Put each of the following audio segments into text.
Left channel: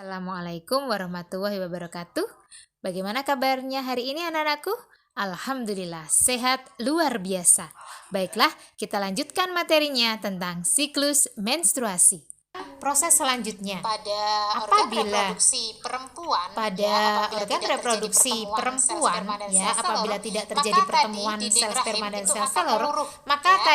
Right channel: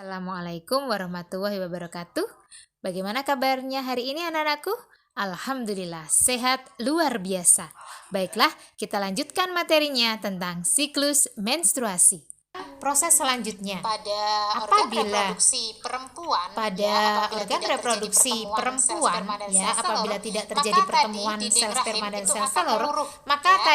Assalamualaikum warahmatullahi wabarakatuh. Bagaimana kabarnya hari ini anak-anakku? Alhamdulillah, sehat luar biasa. Baiklah, kita lanjutkan materinya tentang siklus menstruasi. Pada organ reproduksi perempuan, ya, apabila tidak terjadi pertemuan sel sperma dan sel telur, maka tadi dinding rahim itu akan meluruh, ya.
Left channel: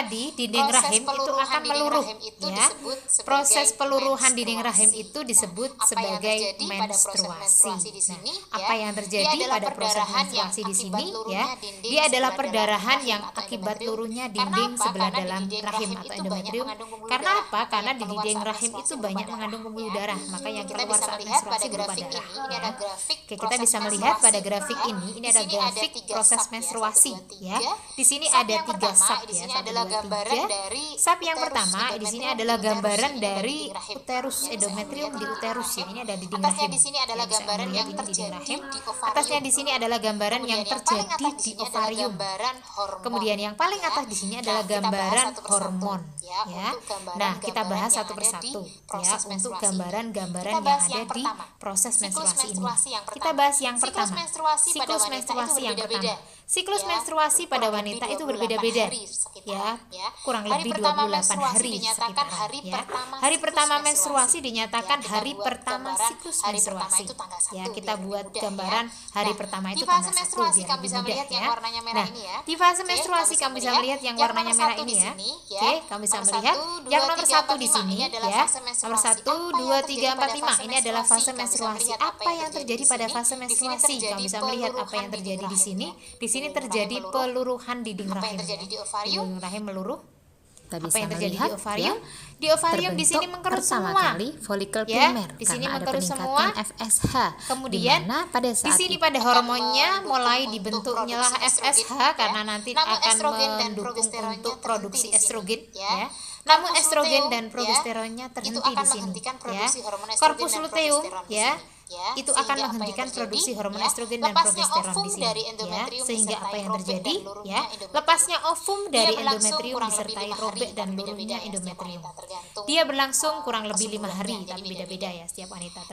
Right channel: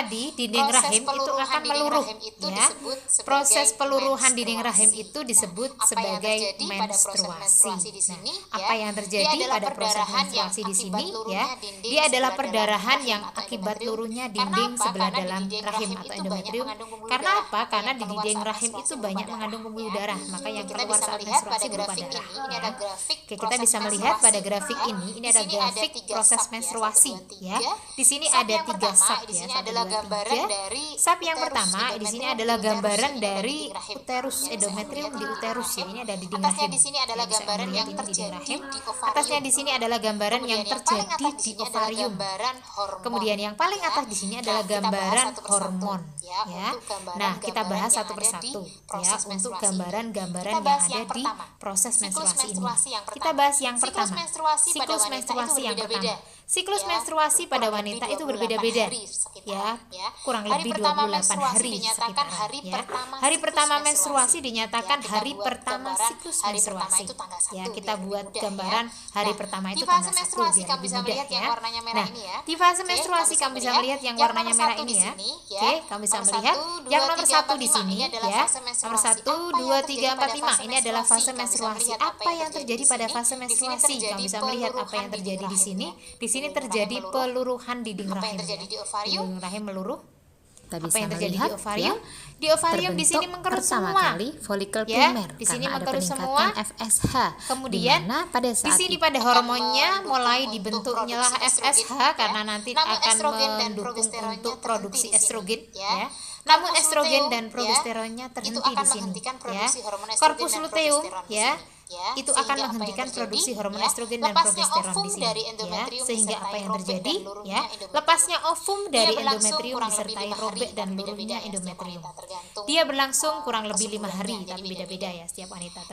Proses peluruhan dinding rahim itu disebut sebagai menstruasi. Nah, apa yang terjadi pada proses menstruasi di sini, ya? Dia adalah perdarahan yang akibat luruhnya dinding sebelah dalam rahim atau endometrium. Karena apa? Karena di dinding rahim itu banyak mengandung pembuluh darah, maka yang keluar saat menstruasi berupa darah, ya. Oke, kita bisa melihat pada grafik ini adalah grafik proses menstruasi, ya. Di sini ada 3 sub, ya, 1, 2, 3. Sub yang pertama di sini adalah gambaran dari uterus, endometrium di uterus, ya. Ini ada dinding rahim, ya, bisa melihat ini dinding rahim. Atasnya di sini adalah gambaran yang terjadi di ovarium. Kemudian yang paling atas di sini adalah gambaran hormon, ya. Nah, kita bahas satu persatu, ya, untuk gambaran-gambaran yang ada di proses menstruasi ini. Kita bahas yang pertama, siklus menstruasi yang pertama. Siklus menstruasi pada wanita itu berbeda-beda, ya, kurang lebih 28 hari sekitaran, ya. Hari pertama menstruasi dinyatakan hari pertama siklus menstruasi. Ya, kita buat gambaran hari pertama itu tanggal 1 biar lebih mudah, ya. Nah, di fase menstruasi kamu bisa melihat yang warnanya merah ini, ya. Oke, kamu bisa melihat yang nomor 1 di sini, ya. Nomor 1, 2, 3, 4, 5. Ini adalah fase menstruasi. Apa yang terjadi pada fase menstruasi? Kamu bisa melihat apa yang terjadi di sini. Di sini terjadi peluruhan dinding rahim, ya. Dinding rahim meluruh. Apa yang terjadi di ovarium? Kita bisa melihat, ya, terbentuk pertama kali folikel primer karena ada peningkatan FSH, di mana pada saat itu akan mendukung untuk produksi estrogen, ya. Namun estrogen dan progesteronnya terhenti di sini, ya. Korpus luteum, ya, itu akan menghentikan produksi hormon estrogen dan progesteron di sini, ya. Sehingga apa yang terjadi, ya, lepasnya ovum dari endometrium disertai robek dan luruhnya endometrium. Dia berlangsung kurang lebih 5 hari, tapi beda-beda, ya, setiap wanita tergantung kesuburannya, jadi beda-beda.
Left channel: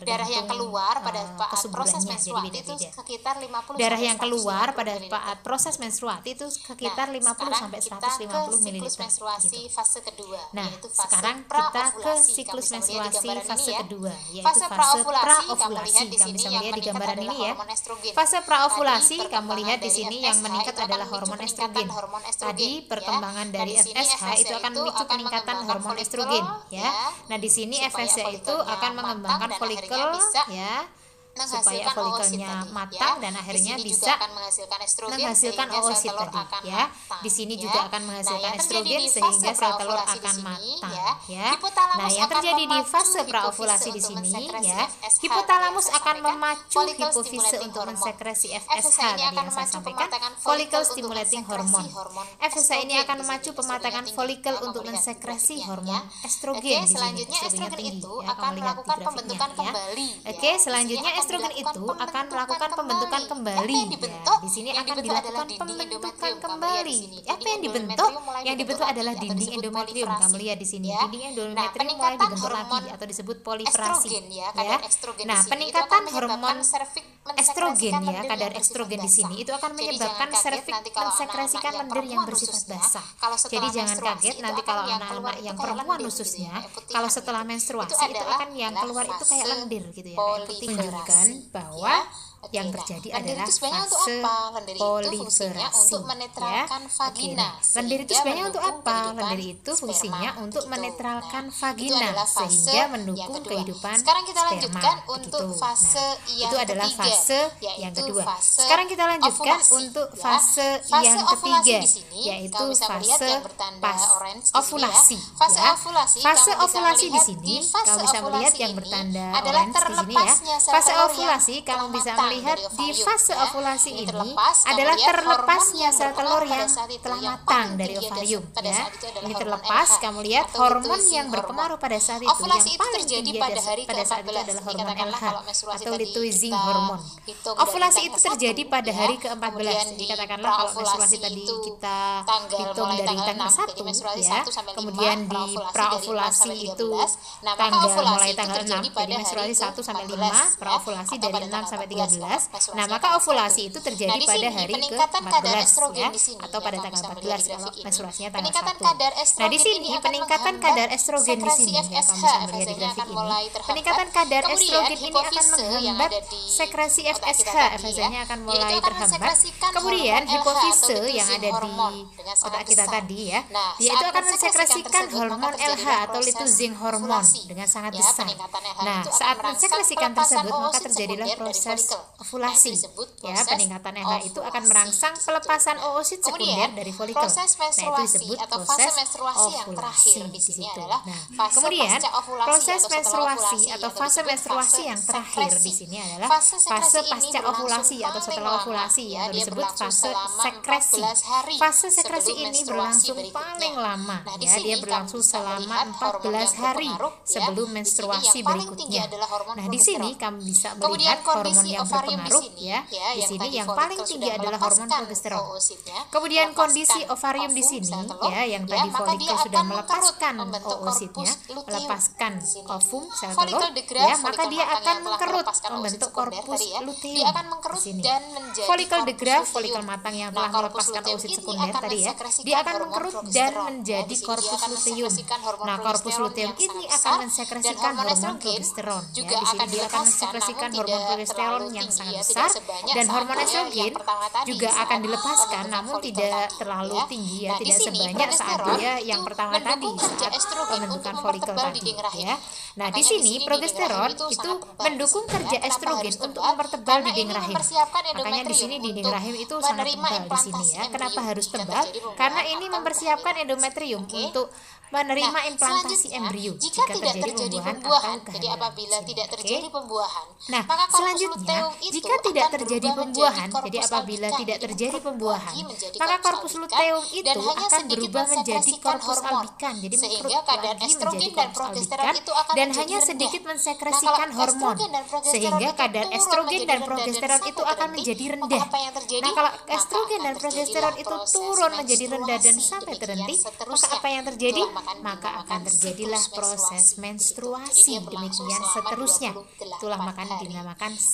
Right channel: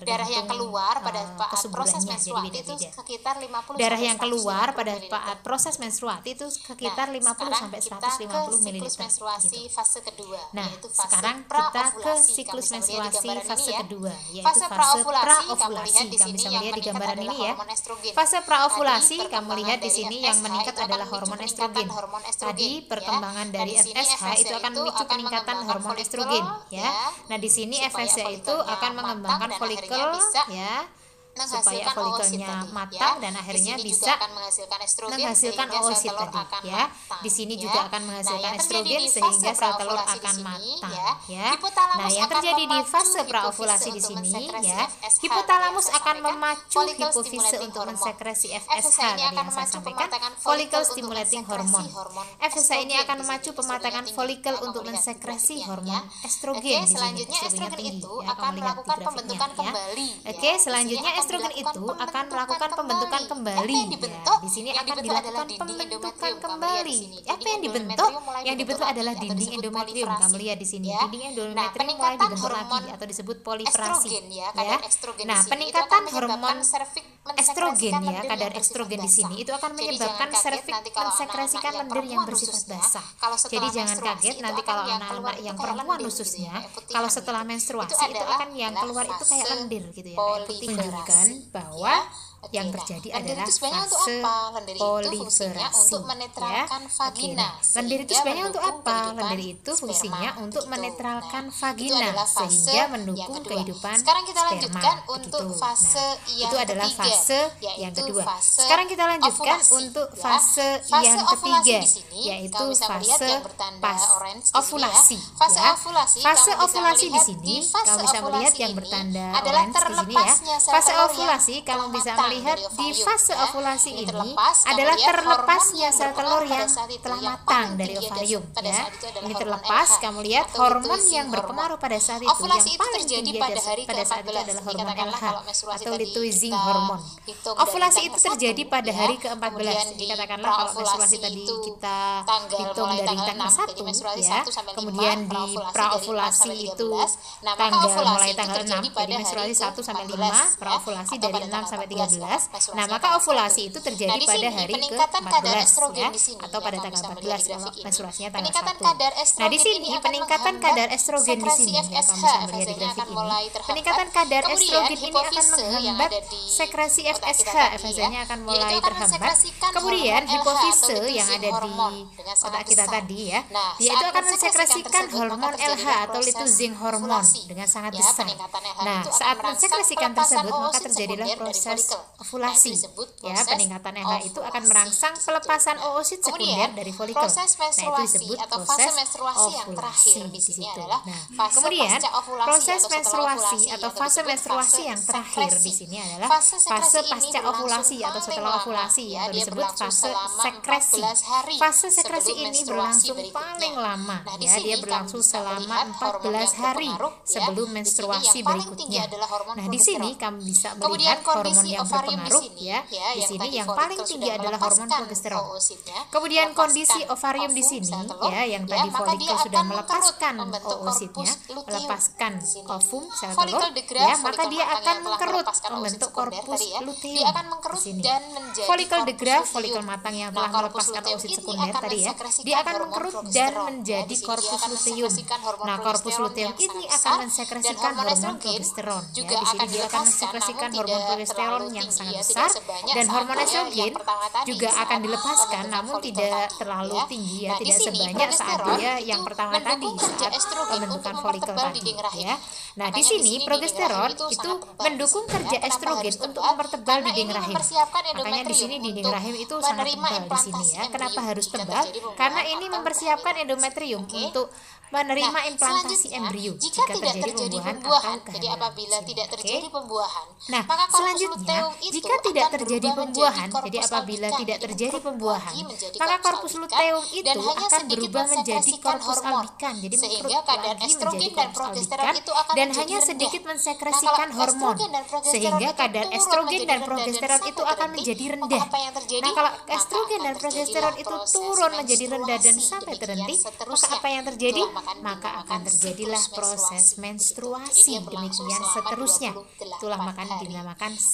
Darah yang keluar pada saat proses menstruasi itu sekitar 50 sampai 150 ml gitu. Nah, sekarang kita ke siklus menstruasi fase kedua, yaitu fase praovulasi. Kamu bisa melihat di gambaran ini, ya. Fase praovulasi, kamu lihat di sini yang meningkat adalah hormon estrogen. Tadi perkembangan dari FSH itu akan memicu peningkatan hormon estrogen, ya. Nah, di sini FSH itu akan mengembangkan folikel, ya, supaya folikelnya matang dan akhirnya bisa menghasilkan oosit tadi, ya. Di sini juga akan menghasilkan estrogen sehingga sel telur akan matang, ya. Nah, yang terjadi di fase praovulasi di sini, ya, hipotalamus akan memacu hipofise untuk mensekresi FSH tadi yang saya sampaikan, follicle stimulating hormone. FSH ini akan memacu pematangan folikel untuk mensekresi hormon estrogen di sini. Estrogennya tinggi, ya, kamu lihat di grafiknya, ya. Oke, selanjutnya estrogen itu akan melakukan pembentukan kembali, ya. Di sini akan dilakukan pembentukan kembali. Apa yang dibentuk? Yang dibentuk adalah dinding endometrium. Kamu lihat di sini, dinding endometrium mulai dibentuk lagi atau disebut proliferasi, ya. Nah, peningkatan hormon estrogen, ya, kadar estrogen di sini itu akan menyebabkan serviks mensekresikan lendir yang bersifat basah. Jadi jangan kaget nanti kalau anak-anak yang perempuan khususnya, kalau setelah menstruasi itu akan yang keluar itu kayak lendir gitu, ya, kayak putihan gitu. Itu adalah fase proliferasi, ya. Oke, nah, lendir itu sebenarnya untuk apa? Lendir itu fungsinya untuk menetralkan vagina sehingga mendukung kehidupan sperma, begitu. Nah, itu adalah fase yang kedua. Sekarang kita lanjutkan untuk fase yang ketiga, yaitu fase ovulasi, ya. Fase ovulasi di sini kamu bisa melihat yang bertanda orange di sini, ya. Fase ovulasi kamu bisa melihat di fase ovulasi ini adalah terlepasnya sel telur yang telah matang dari ovarium, ya. Ini terlepas, kamu lihat hormon yang berpengaruh pada saat itu yang paling tinggi pada saat itu adalah hormon LH atau luteinizing hormone. Ovulasi itu terjadi pada hari ke-14. Jadi katakanlah kalau menstruasi tadi kita hitung dari tanggal 1, ya. Kemudian di praovulasi itu mulai tanggal 6, jadi menstruasi 1 sampai 5, praovulasi dari 6 sampai 13. Nah, maka ovulasi itu terjadi pada hari ke-14 ya, atau pada tanggal 14 kalau menstruasinya tanggal 1. Nah, di sini peningkatan kadar estrogen di sini ya, kamu bisa melihat di grafik ini. Peningkatan kadar estrogen ini akan menghambat sekresi FSH. FSH-nya akan mulai terhambat. Kemudian hipofise yang ada di otak kita tadi ya, dia itu akan mensekresikan hormon LH atau luteinizing hormon dengan sangat besar. Nah, saat mensekresikan tersebut maka terjadilah proses ovulasi. Ya, peningkatan LH itu akan merangsang pelepasan oosit sekunder dari folikel. Nah, itu disebut proses ovulasi di situ. Nah, kemudian proses menstruasi atau fase menstruasi yang terakhir di sini adalah fase pasca ovulasi atau setelah ovulasi atau disebut fase sekresi. Fase sekresi ini berlangsung paling lama ya, dia berlangsung selama 14 hari sebelum menstruasi berikutnya. Nah, di sini kamu bisa melihat hormon yang berpengaruh ya. Di sini yang paling tinggi adalah hormon progesteron. Kemudian kondisi ovarium di sini ya, yang tadi folikel sudah melepaskan oositnya, melepaskan ovum sel telur ya, maka dia akan mengkerut membentuk korpus luteum di sini. Folikel degraf, folikel matang yang telah melepaskan oosit sekunder tadi ya, dia akan mengkerut dan menjadi korpus luteum. Nah, korpus luteum ini akan mensekresikan hormon progesteron ya. Di sini dia akan mensekresikan hormon progesteron yang sangat besar, dan hormon estrogen juga akan dilepaskan namun tidak terlalu tinggi ya, tidak sebanyak saat dia yang pertama tadi, saat pembentukan folikel tadi ya. Nah, di sini progesteron itu mendukung kerja estrogen untuk mempertebal dinding rahim. Makanya di sini dinding rahim itu sangat tebal di sini ya. Kenapa harus tebal? Karena ini mempersiapkan endometrium untuk menerima implantasi embrio jika terjadi pembuahan atau kehamilan di sini. Oke? Nah, selanjutnya, jika tidak terjadi pembuahan, jadi apabila tidak terjadi pembuahan, maka korpus luteum itu akan berubah menjadi korpus albikan, jadi mengkerut lagi menjadi korpus albikan dan hanya sedikit mensekresikan hormon, sehingga kadar estrogen dan progesteron itu akan menjadi rendah. Nah, kalau estrogen dan progesteron itu turun menjadi rendah dan sampai terhenti, maka apa yang terjadi? Maka akan terjadilah proses menstruasi, demikian seterusnya. Itulah makanya dinamakan siklus menstruasi begitu. Jadi dia berlangsung selama 28 hari.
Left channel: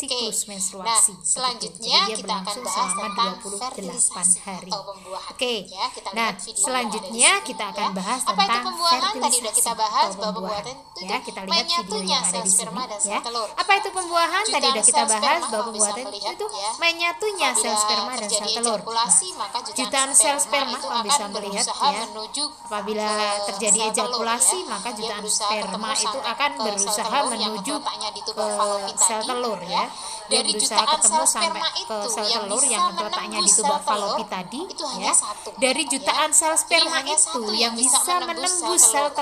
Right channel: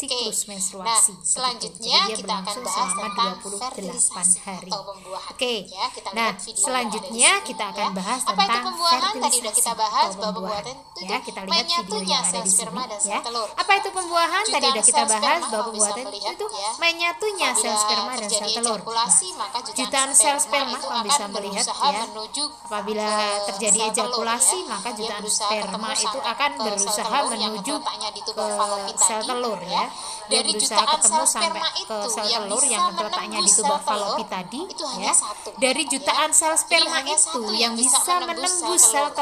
Oke. Nah, selanjutnya kita akan bahas tentang fertilisasi atau pembuahan. Ya, kita lihat video yang ada di sini ya. Apa itu pembuahan? Tadi udah kita bahas bahwa pembuahan itu menyatunya sel sperma dan sel telur. Jutaan sel sperma kamu bisa melihat ya. Apabila terjadi ejakulasi, maka jutaan sperma itu akan berusaha menuju ke sel telur ya. Dia berusaha ketemu sampai ke sel telur yang letaknya di tuba falopi tadi ya. Dari jutaan sel sperma itu yang bisa menembus sel telur itu hanya satu ya. Jadi hanya satu yang bisa menembus sel telur.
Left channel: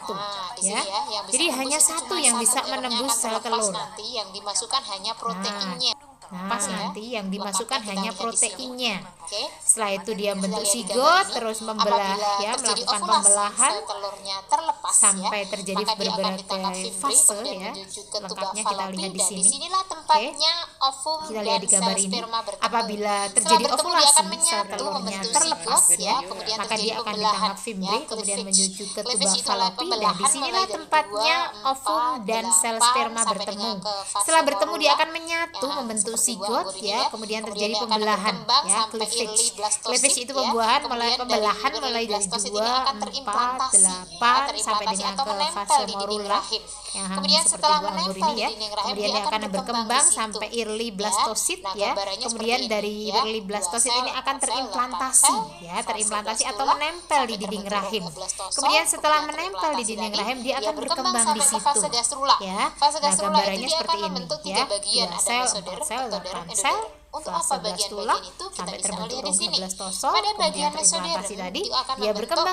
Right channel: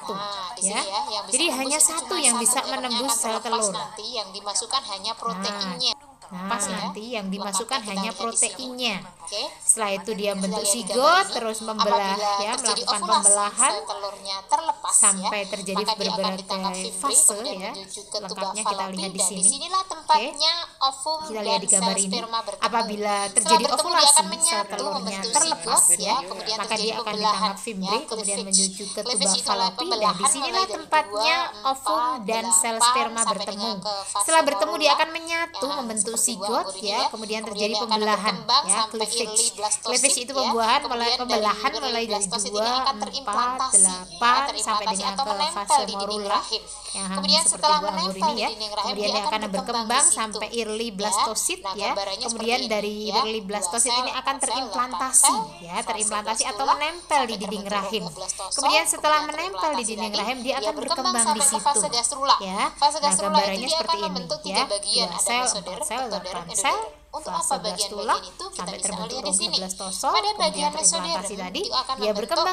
Nah, di sini ya, yang bisa menembus itu cuma satu, ekornya akan terlepas nanti, yang dimasukkan hanya proteinnya ya. Lengkapnya kita lihat di sini. Oke. Kita lihat di gambar ini, apabila terjadi ovulasi, sel telurnya terlepas ya, maka dia akan ditangkap fimbre, kemudian menuju ke tuba falopi, dan disinilah tempatnya ovum dan sel sperma bertemu. Setelah bertemu, dia akan menyatu membentuk zigot ya, kemudian terjadi pembelahan ya, cleavage. Cleavage itu pembelahan mulai dari 2, 4, 8 sampai dengan ke fase morula yang seperti buah anggur ini ya. Kemudian dia akan berkembang sampai early blastocyst ya. Kemudian dari early blastocyst ini akan terimplantasi ya, terimplantasi atau menempel di dinding rahim. Kemudian setelah menempel di dinding rahim, dia akan berkembang di situ ya. Nah, gambarannya seperti ini ya. 2 sel, 4 sel, 8 sel, fase blastula sampai terbentuk rongga blastosol, kemudian terimplantasi tadi, dia berkembang sampai ke fase gastrula. Fase gastrula itu dia akan membentuk 3 bagian, ada mesoderm, ektoderm, endoderm. Untuk apa bagian-bagian itu? Kita bisa lihat di sini. Pada bagian mesoderm dia akan membentuk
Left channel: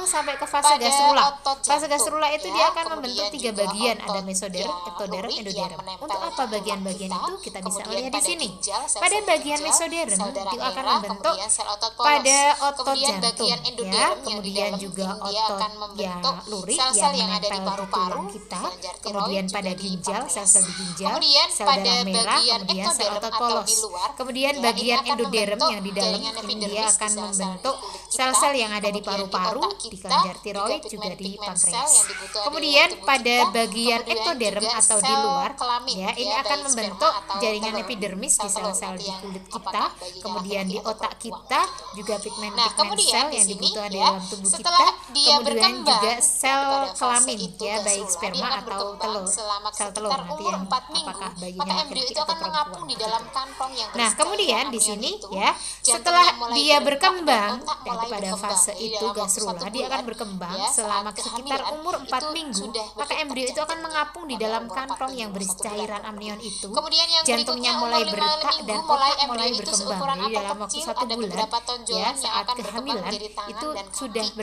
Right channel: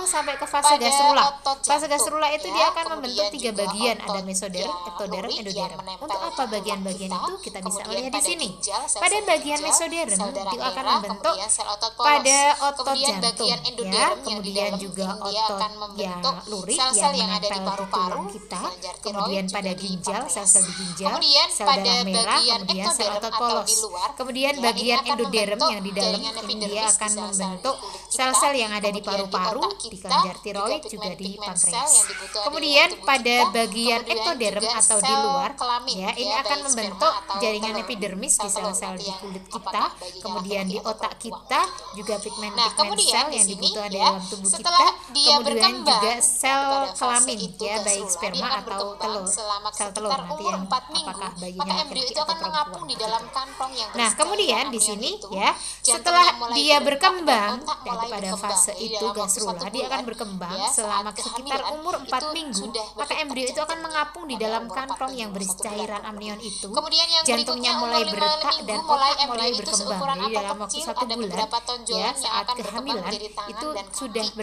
pada otot jantung ya, kemudian juga otot ya lurik yang menempel di tulang kita, kemudian pada ginjal, sel-sel di ginjal, sel darah merah, kemudian sel otot polos. Kemudian bagian endoderm yang di dalam ini dia akan membentuk sel-sel yang ada di paru-paru, di kelenjar tiroid, juga di pankreas. Kemudian pada bagian ektoderm atau di luar Ya, ini akan membentuk jaringan epidermis di sel-sel di kulit kita, kemudian di otak kita, juga pigmen-pigmen sel yang dibutuhkan di dalam tubuh kita, kemudian juga sel kelamin, ya, baik sperma atau telur, sel telur, nanti yang apakah bayinya laki-laki atau perempuan, begitu. Nah, kemudian di sini ya, setelah dia berkembang, pada fase itu gastrula, dia akan berkembang selama sekitar umur 4 minggu, maka embrio itu akan mengapung di dalam kantong yang berisi cairan amnion itu, jantungnya mulai berdetak dan otak mulai berkembang. Jadi dalam waktu 1 bulan, ya, saat kehamilan, itu sudah berdetak jantungnya pada umur 4 minggu, 1 bulan kurang lebih. Kemudian yang berikutnya umur 5 minggu, mulai embrio itu seukuran apel kecil, ada beberapa tonjolan yang akan berkembang menjadi tangan dan kaki.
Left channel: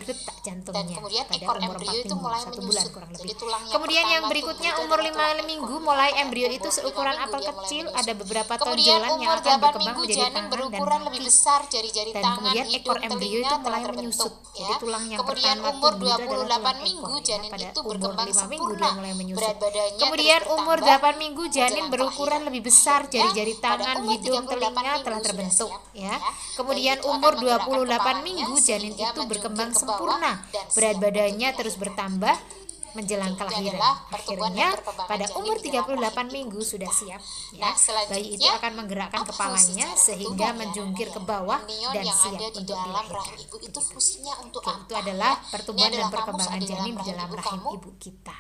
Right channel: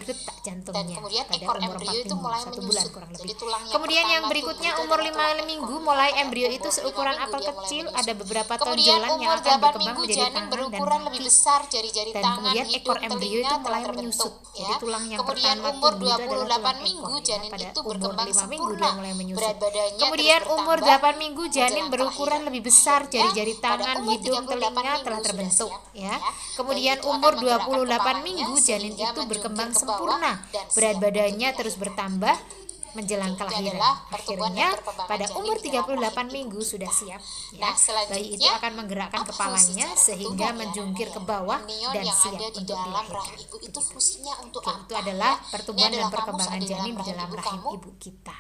Dan kemudian ekor embrio itu mulai menyusut. Jadi tulang yang pertama tumbuh itu adalah tulang ekor, ya. Pada umur 5 minggu dia mulai menyusut. Kemudian umur 8 minggu janin berukuran lebih besar, jari-jari tangan, hidung, telinga telah terbentuk, ya. Kemudian umur 28 minggu janin itu berkembang sempurna, berat badannya terus bertambah menjelang kelahiran. Akhirnya pada umur 38 minggu sudah siap, ya. Bayi itu akan menggerakkan kepalanya sehingga menjungkir ke bawah dan siap untuk dilahirkan. Begitu. Oke, itu adalah pertumbuhan dan perkembangan janin di dalam rahim ibu kita. Nah, selanjutnya apa fungsi cairan ketuban ya anak-anak ya? Amnion yang ada di dalam rahim ibu itu fungsinya untuk apa ya? Ini adalah kamu saat di dalam rahim ibu kamu.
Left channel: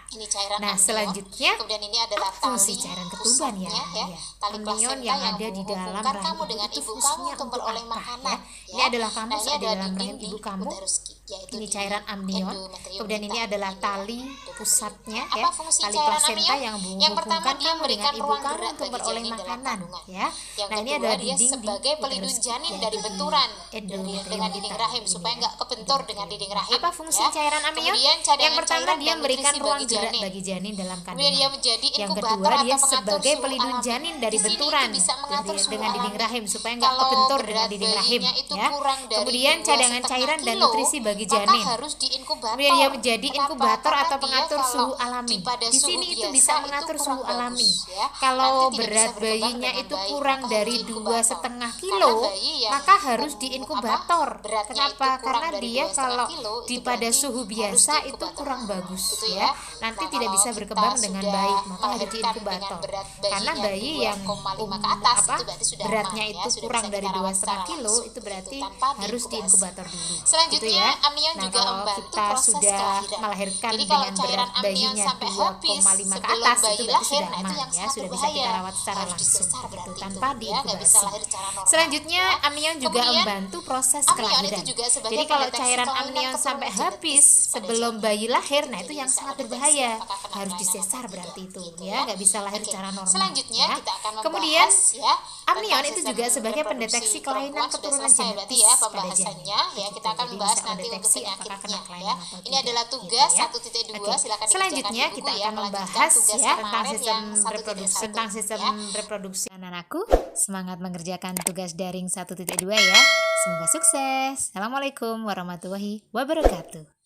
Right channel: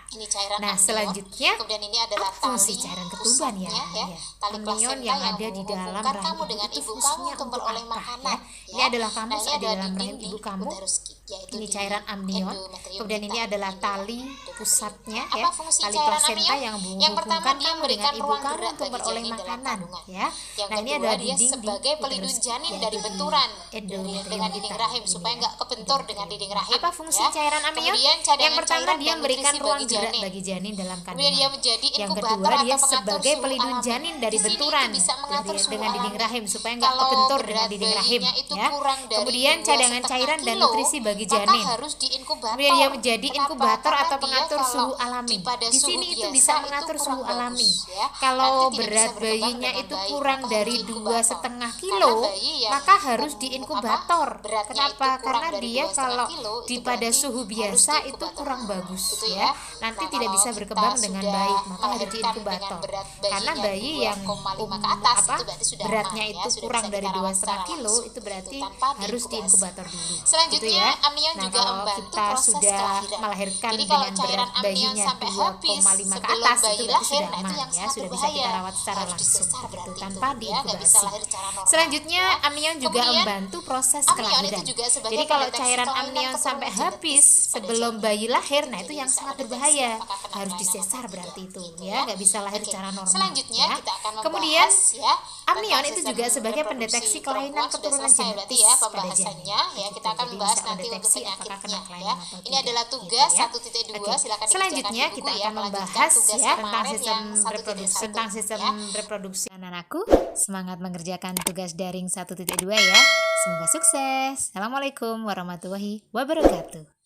Ini cairan amnion, kemudian ini adalah tali pusatnya ya, tali plasenta yang menghubungkan kamu dengan ibu kamu untuk beroleh makanan ya. Nah, ini adalah dinding di uterus, yaitu di endometrium kita ya, ini ya, endometrium. Nah, apa fungsi cairan amnion? Yang pertama, dia memberikan ruang gerak bagi janin dalam kandungan. Yang kedua, dia sebagai pelindung janin dari benturan dengan dinding rahim supaya nggak kebentur dengan dinding rahim ya. Kemudian cadangan cairan dan nutrisi bagi janin. Kemudian dia menjadi inkubator atau pengatur suhu alami. Di sini itu bisa mengatur suhu alami. Kalau berat bayinya itu kurang dari 2,5 kilo, maka harus diinkubator. Kenapa? Karena dia kalau pada suhu biasa itu kurang bagus ya. Nanti tidak bisa berkembang dengan baik, maka harus diinkubator. Karena bayi yang beratnya itu kurang dari 2,5 kilo, itu berarti harus diinkubator dulu. Gitu ya. Nah, kalau kita sudah melahirkan dengan berat bayinya 2,5 ke atas, itu berarti sudah aman ya, sudah bisa kita rawat secara langsung begitu tanpa diinkubasi. Selanjutnya, amnion juga membantu proses kelahiran. Jadi kalau cairan amnion sampai habis sebelum bayi lahir, nah itu yang sangat berbahaya. Harus disesar berarti itu ya, nggak bisa lahir secara normal ya. Kemudian amnion itu juga sebagai pendeteksi kelainan keturunan genetis pada janin, begitu. Jadi bisa mendeteksi apakah kena kelainan atau tidak, gitu ya. Oke, selanjutnya kita akan membahas ya tentang sistem reproduksi perempuan. Sudah selesai berarti ya pembahasannya ya. Kita akan membahas nanti untuk penyakitnya ya. Ini adalah tugas 1.2, silakan dikerjakan di buku ya, melanjutkan tugas kemarin yang 1.1 ya. Anak-anakku, semangat mengerjakan tugas daring 1.2 ya. Semoga sukses. Assalamualaikum warahmatullahi wabarakatuh.